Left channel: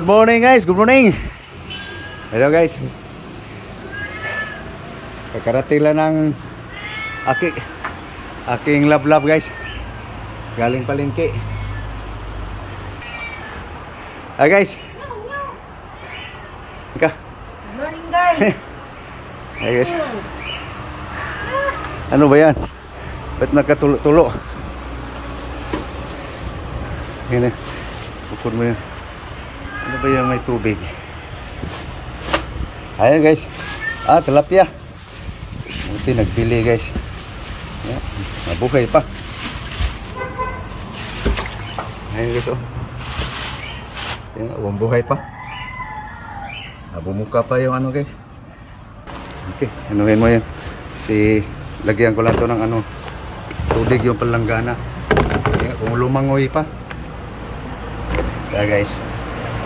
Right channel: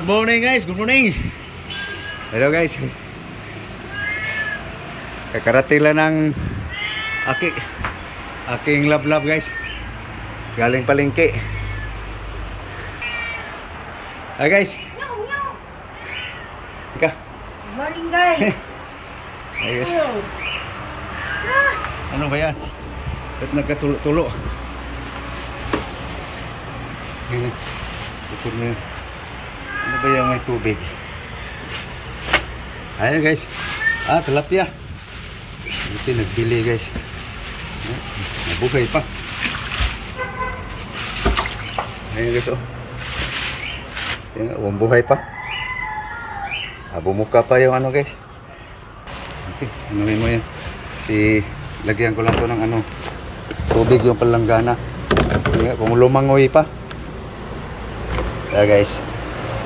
Good morning guys, good morning. Hello guys. Kakarating lang ng aking lab guys. Galing palengke. Hi guys. Good morning guys. Hi guys. Ano ba yan? Ba't nagkatulo-tulo? Yan eh. Bukod mo yan. Ano ba yung may tubig? Ayan guys. Tilapia. Buti nagbili guys. Nabuhay pa. Ayan guys oh. Buhay pa. Bumuka pa yung ano guys. Okay, anuhin mo yan. Lagyan ko lang to ng ano, tubig yung palanggana. Kung lumangoy pa. Kaya guys,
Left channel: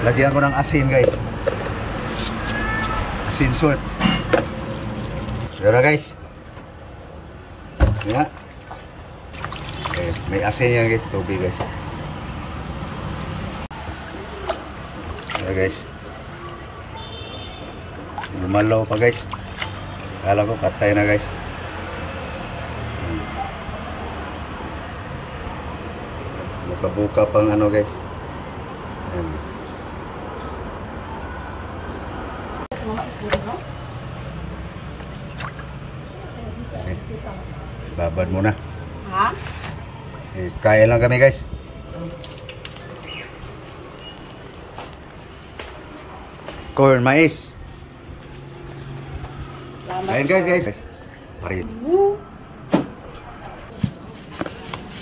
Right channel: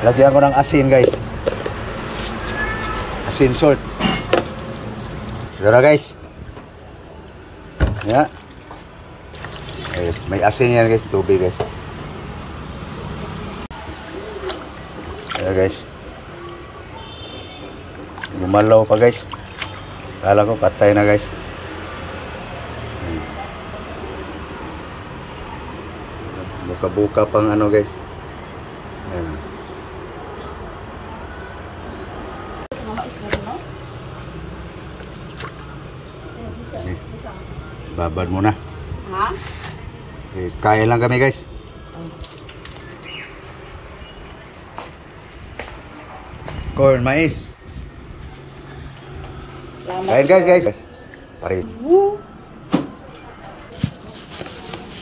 lagyan ko ng asin guys. Asin salt. Tara guys. Ya. May asin yan guys, tubig guys. Tara guys. Lumalaw pa guys. Kala ko patay na guys. Buka-buka pang ano guys. Ayan. Okay. Babad muna. Ha? Kain lang kami guys. Corn, mais. Kain guys. Pare.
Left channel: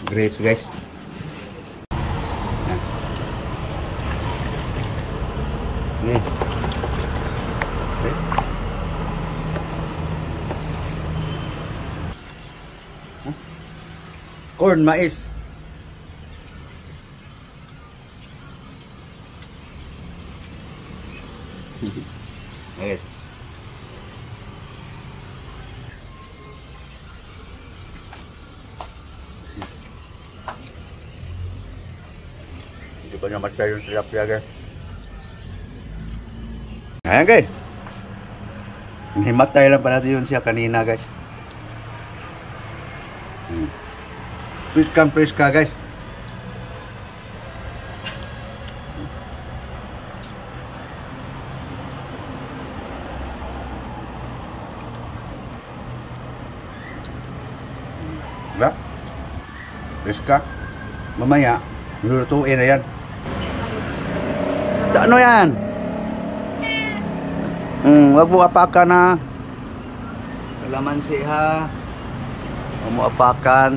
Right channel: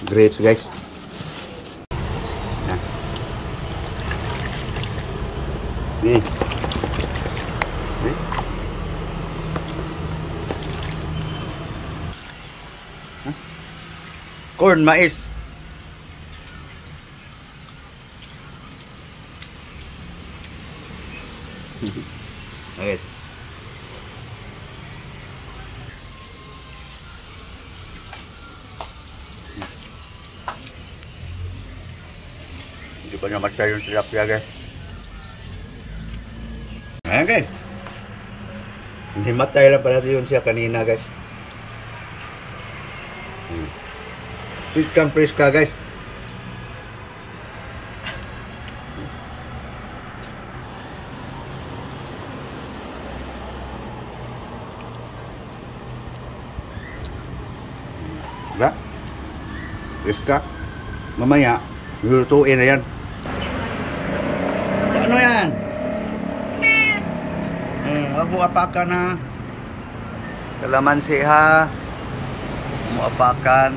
Grapes guys. Nih. Corn, mais. Guys. Hindi pa naman siya yung tilapia guys. Ayan guys. Himatay lang pala yun siya kanina guys. Fresh ka guys. Diba? Fresh ka. Mamaya, lulutuin na yan. Ano yan? Wag mo apakan ha. Kalamansi ha. Wag mo apakan.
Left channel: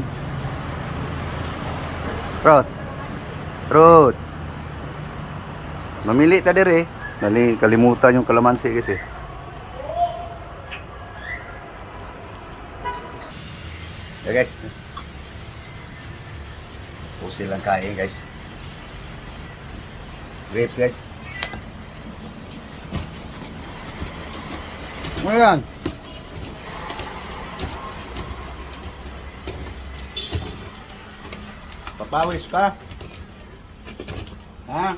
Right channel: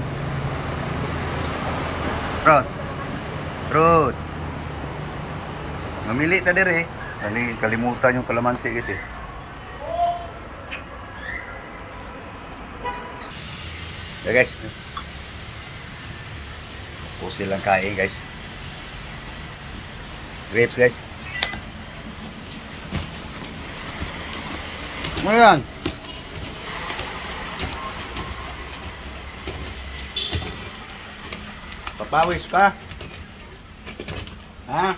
Rod. Mamili ka dire. Dali kalimutan yung kalamansi kasi. Guys. Pusil lang kain guys. Grapes guys. Ano yan? Papawis ka? Ha?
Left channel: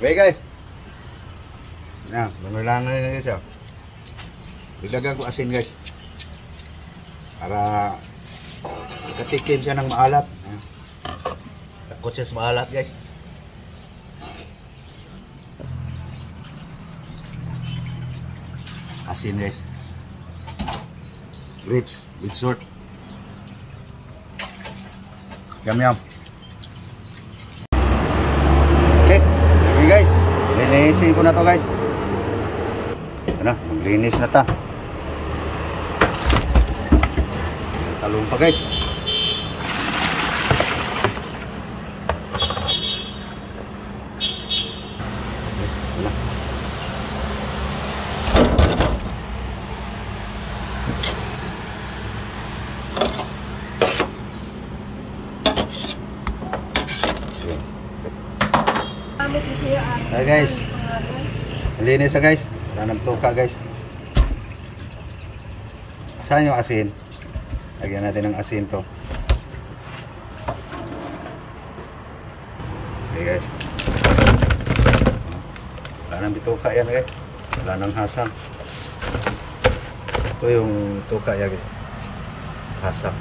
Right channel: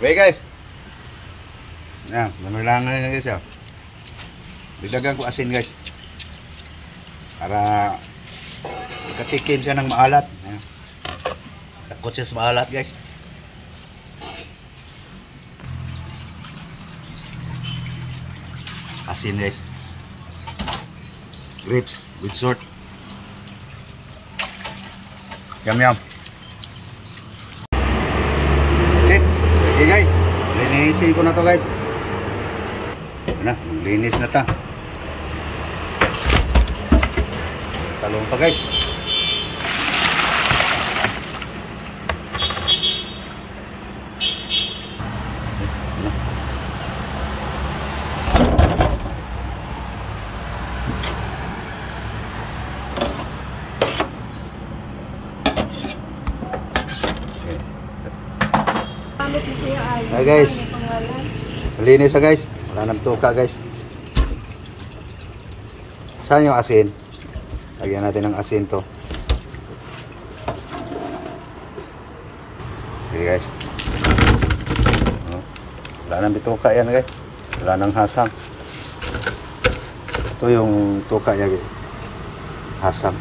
Okay guys. Yan, ano lang na guys ya. Dagdagan ko asin guys. Para ikatikim siya ng maalat. Takot siya sa maalat guys. Asin guys. Grapes with salt. Yum. Okay guys, linisin ko na to guys. Ano, maglinis na ta. Talong pa guys. Hi guys. Malinis na guys. Wala nang tuka guys. Saan yung asin? Lagyan natin ng asin to. Okay guys. Oh. Wala nang bituka yan guys. Wala nang hasang. Ito yung tuka yan guys. Hasang.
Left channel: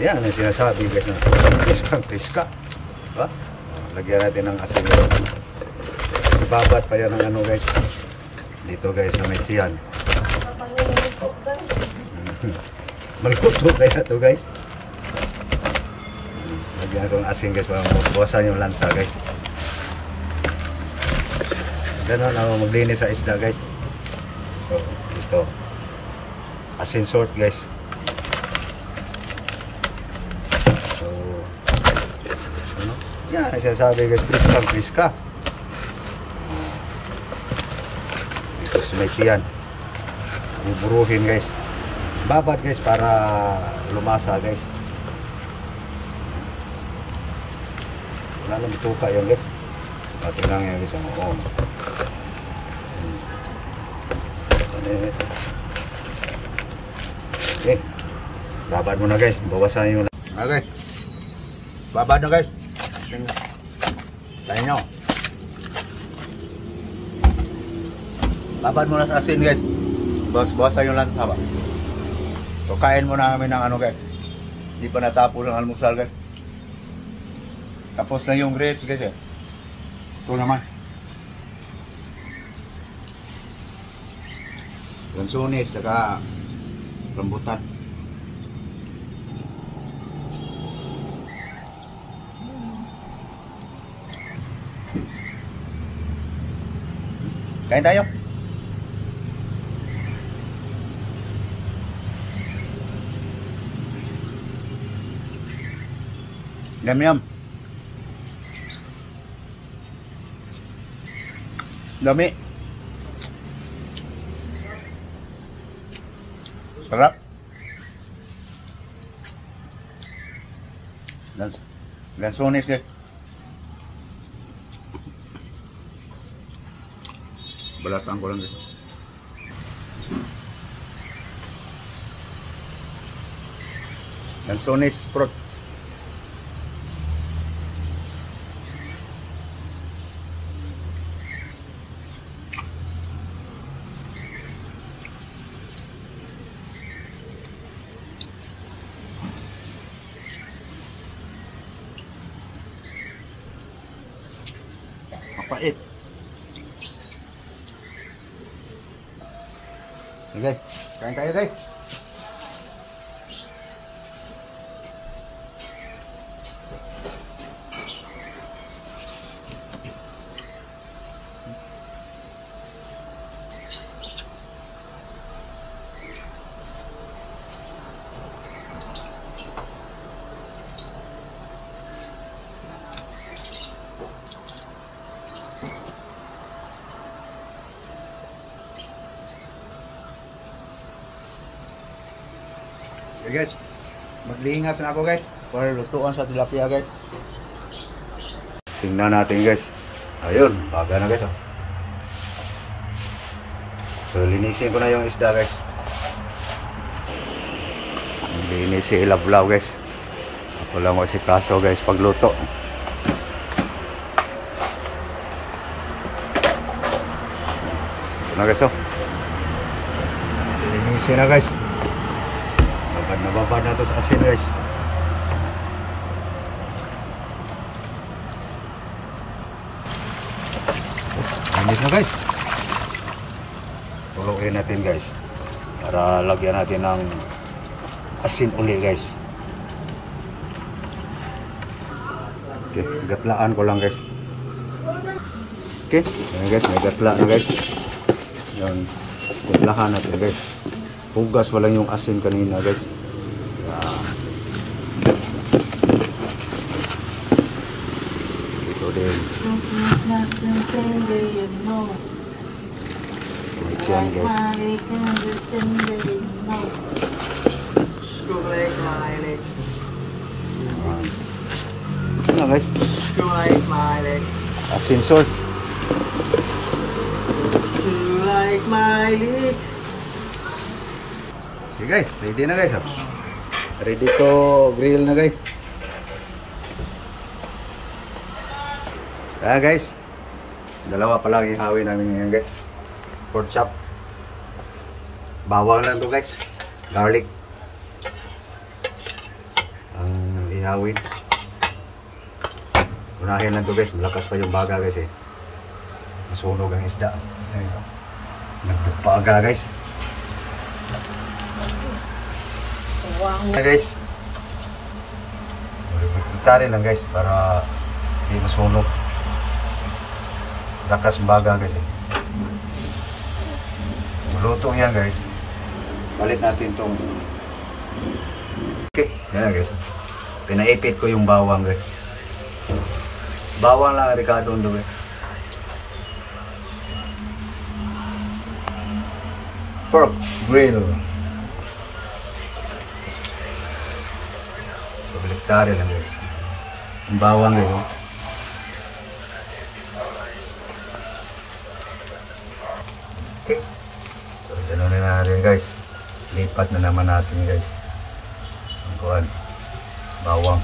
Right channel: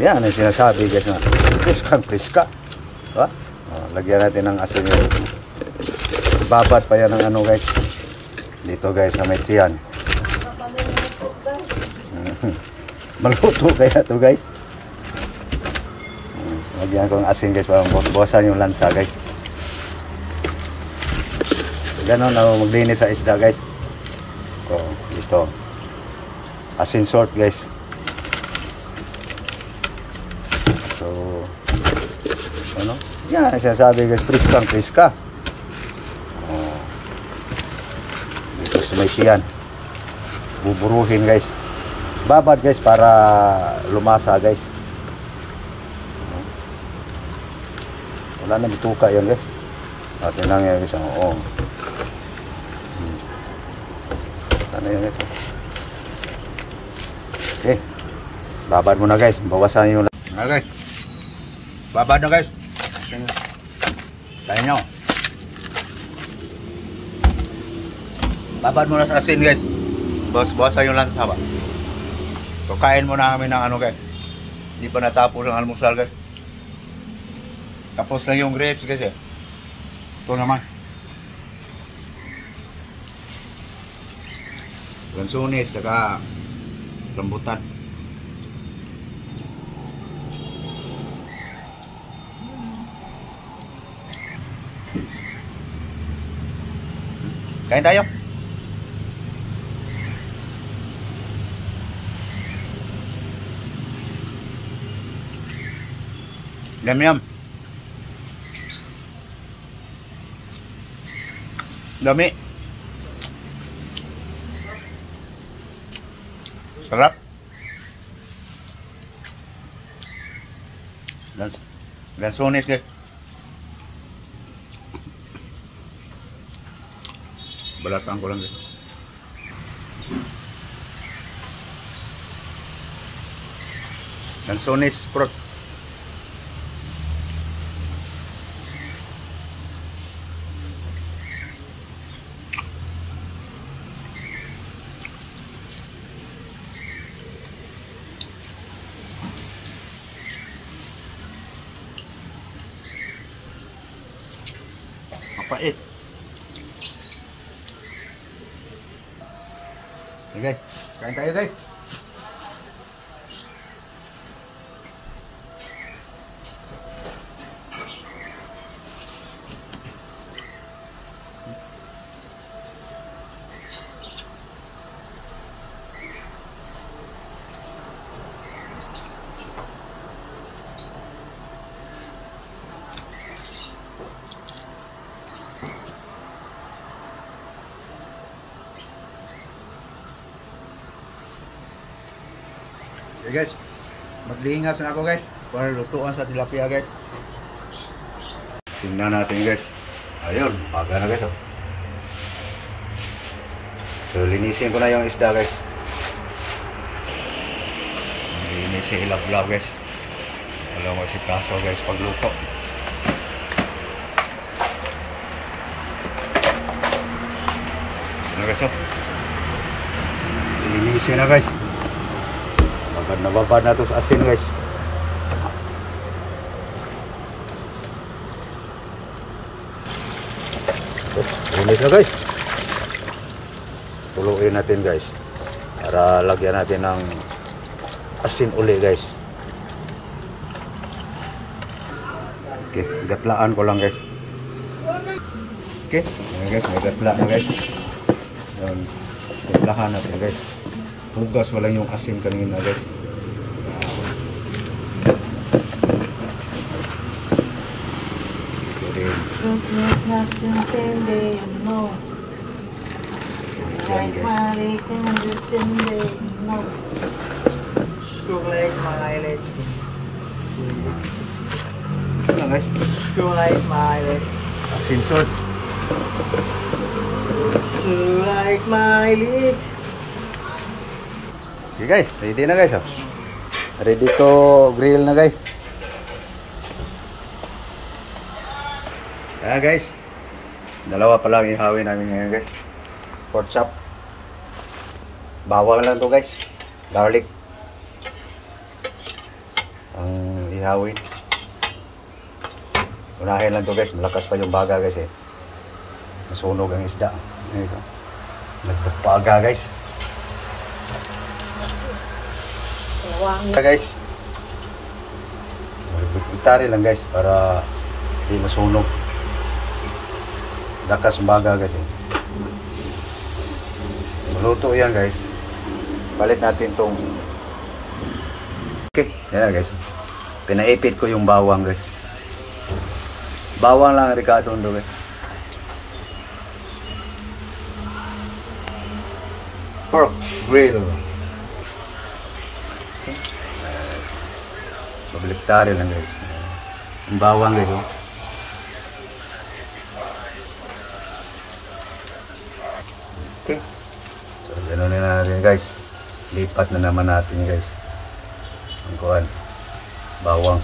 Yan ang sinasabi guys na priska. Diba? Oh, lagyan natin ng asin guys. Ibabad pa yan ng ano guys. Dito guys na may tiyan. Maluto kaya to guys. Lagyan ko ng asin guys para bawasan yung lansa guys. Ganon ako maglinis sa isda guys. So, ito. Asin salt guys. So, ano? Yan, sinasabi guys, priska. Oh. Dito sumay buburuhin guys. Babad guys para lumasa guys. Wala na bituka yan guys. Ito lang yan guys. Oo. Sana yan guys. Okay. Babad mo na guys. Bawasan yung... Okay. Babad na guys. Tayo nyo. Babad mo na sa asin guys. Bawasan yung lansa ba. So kain mo na kami ng ano guys. Hindi pa natapos ang almusal guys. Tapos na yung grapes guys eh. Ito naman. Lansones saka rambutan. Kain tayo. Yum. Dami. Sarap. Lansones guys. Balatan ko lang guys. Lansones prot. Mapait. Okay guys, kain tayo guys. Okay guys, maglingas na ako guys para lutuan sa tilapia guys. Tingnan natin guys. Ayun, baga na guys oh. So linisin ko na yung isda guys. Linisin ilablaw guys. Wala mo si kaso guys pagluto. So na guys oh. Linisin na guys. Babad na to sa asin guys. Linis na guys. Tuluin natin guys. Para lagyan natin ng asin uli guys. Okay, gatlaan ko lang guys. Okay, ayan guys, may gatla na guys. Yun, gatlahan natin guys. Hugas pa lang yung asin kanina guys. Ito din. Ayan guys. Ito na guys. Asin salt. Okay guys, ready na guys oh. Ready to grill na guys. Kaya guys, dalawa pa lang ihawin namin ngayon guys. Pork chop. Bawang lang to guys. Garlic. Ang ihawin. Unahin lang to guys. Malakas pa yung baga guys eh. Masunog ang isda. Nagpagpaga guys. Guys. Itari lang guys para hindi masunog. Lakas ang baga guys eh. Luto yan guys. Palit natin tong okay. Yan guys. Pinaipit ko yung bawang guys. Bawang lang ang Ricardo do guys. Pork grill. Baliktari lang guys. Yung bawang guys. Okay. So, gano'n na natin guys. Lipat na naman natin guys. Ang kuhan. Bawang.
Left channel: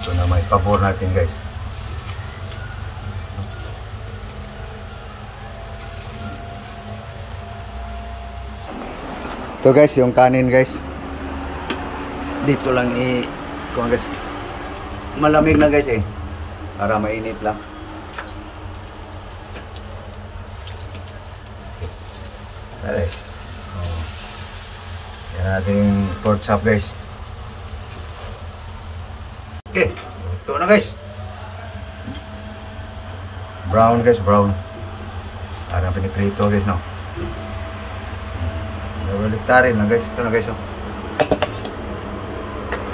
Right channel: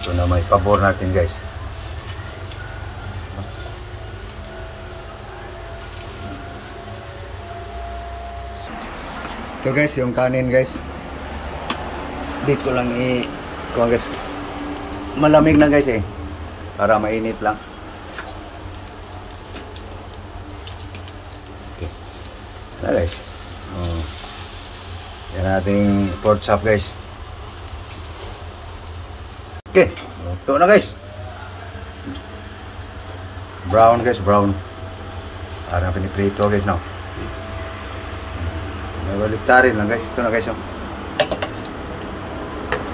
Ito na may pabor natin guys. Ito guys, yung kanin guys. Dito lang kuhan guys. Malamig na guys eh. Para mainit lang. Guys, yan ating pork chop guys. Okay, ito na guys. Brown guys, brown. Para natin i-prito guys now. Baliktarin lang guys. Ito na guys.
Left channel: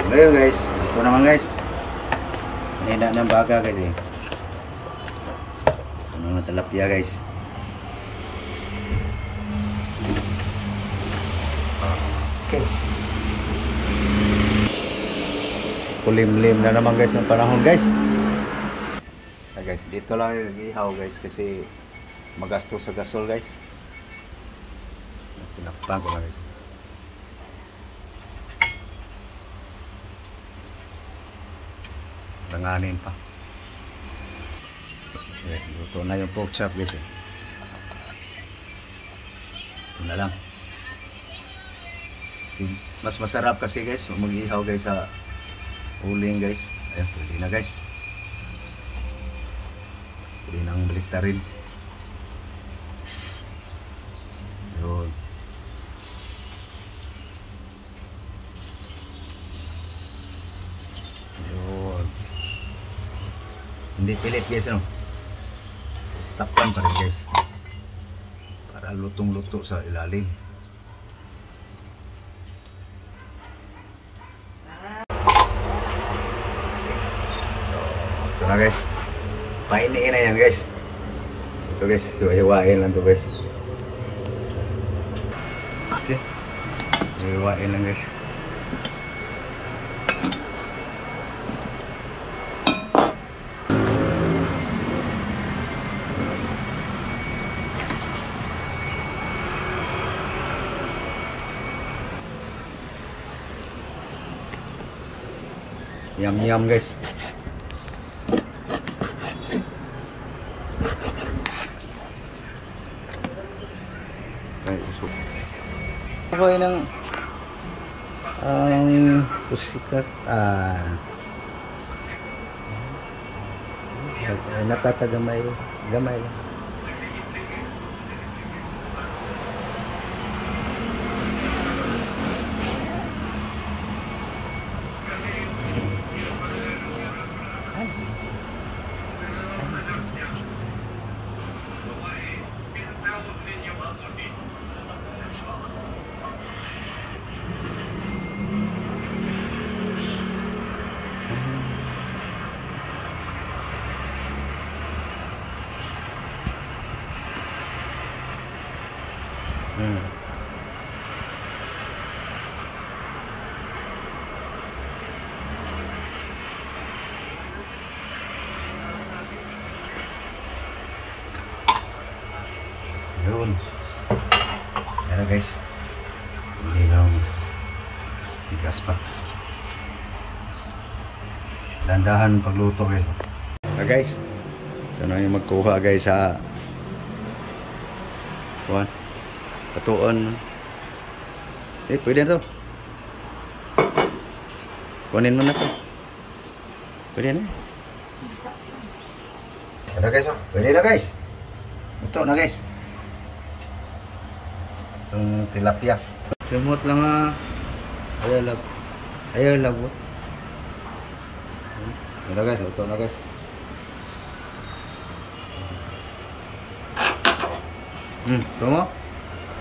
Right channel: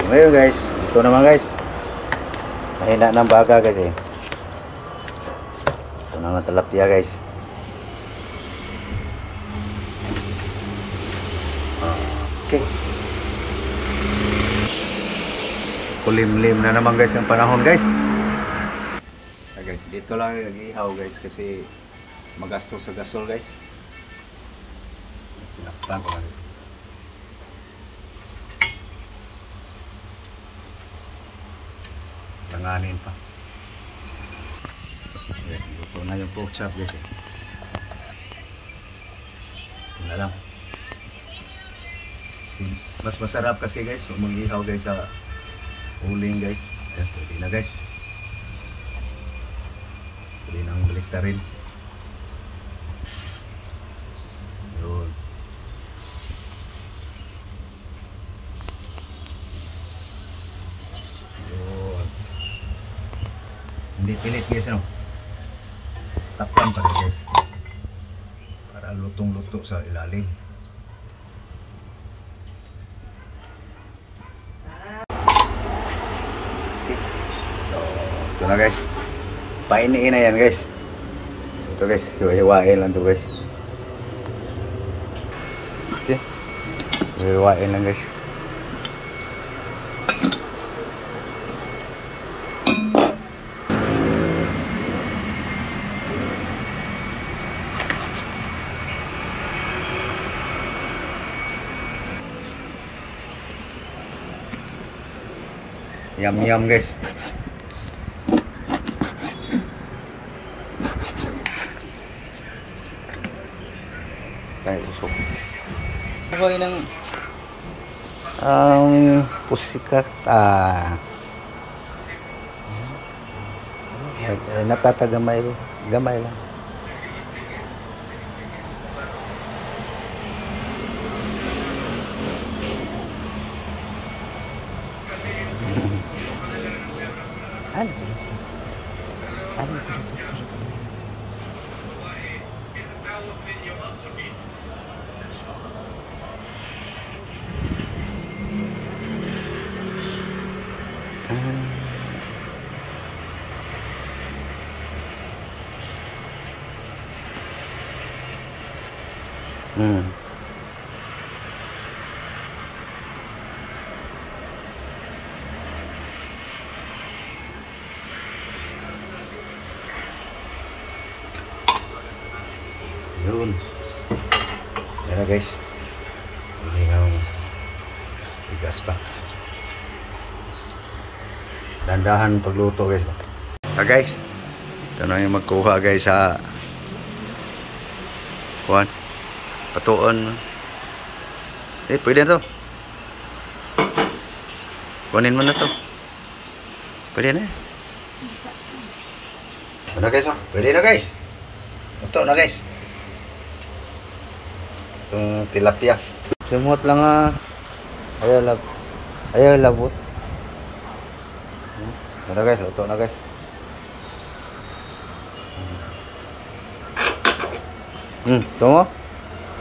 Ngayon guys, ito naman guys. Mahina ng baga guys eh. Ito na ng tilapia guys. Okay. Kulimlim na naman guys ang panahon guys. Guys, dito lang nag-ihaw guys kasi magastos sa gasol guys. Pinakpan ko na guys. Langanin pa. Okay, luto na yung pork chop guys. Ito na lang. Mas masarap kasi guys mag-ihaw guys sa uling guys. Ayan, pwede na guys. Pwede nang baliktarin. Yun. Yun. Hindi pilit guys no. Takpan pa rin guys. Para lutong-luto sa ilalim. Ito na guys, painiin na yan guys. So, ito guys, hiwa-hiwain lang ito guys. Okay, hiwain lang guys. Yum guys. Ay, usok. Okay ng pusikat. Natatagamay gamay lang. Yun. Yan guys. Hindi na tigas pa. Dandahan pagluto guys. Guys, ito na yung magkuha guys sa Juan. Patuon. Pwede na to. Kunin mo na to. Pwede na. Pwede guys, oh. Pwede na guys. Ito na guys. Itong tilapia. Sumot lang ayaw labot. Ito na guys, luto na guys. Tunggu.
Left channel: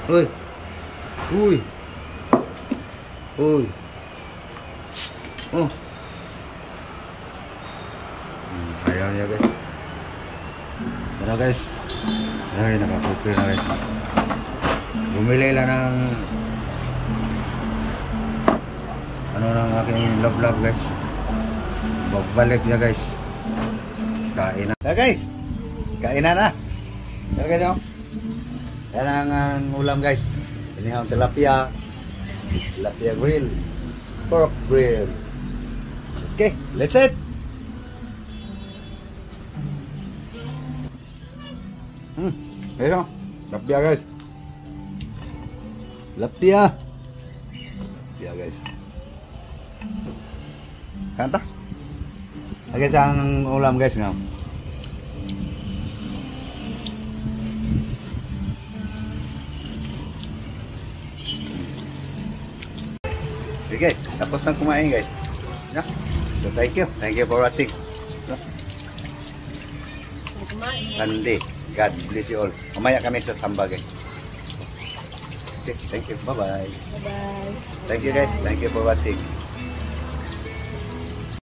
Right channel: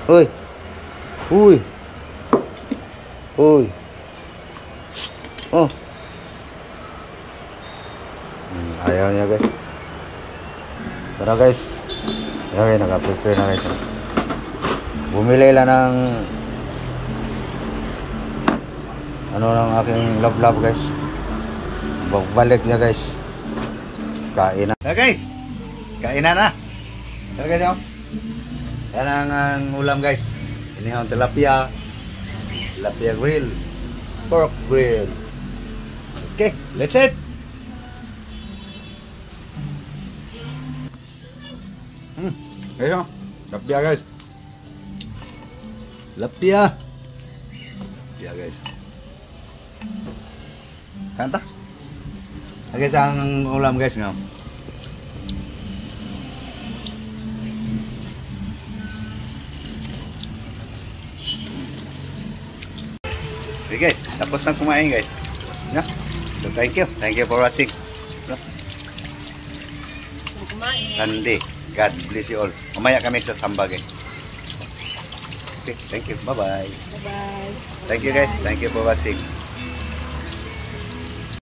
Uy. Uy. Uy. Oh. Ayaw niya guys. Pero guys, okay, naka-prepare na guys. Bumili lang ng ano ng aking love guys. Balik niya guys. Kain na. Guys, kain na. Pero guys, yan ang ulam guys. Ini ang tilapia grill, pork grill. Okay, let's eat. Ayo, tilapia guys. Tilapia guys. Kanta. Guys, ang ulam guys nga. Okay guys, tapos na kumain guys. Yeah. So thank you for watching. Sunday. God bless you all. Mamaya kami sa Samba guys. Okay, thank you. Bye bye. Bye bye. Thank you guys. Thank you for watching.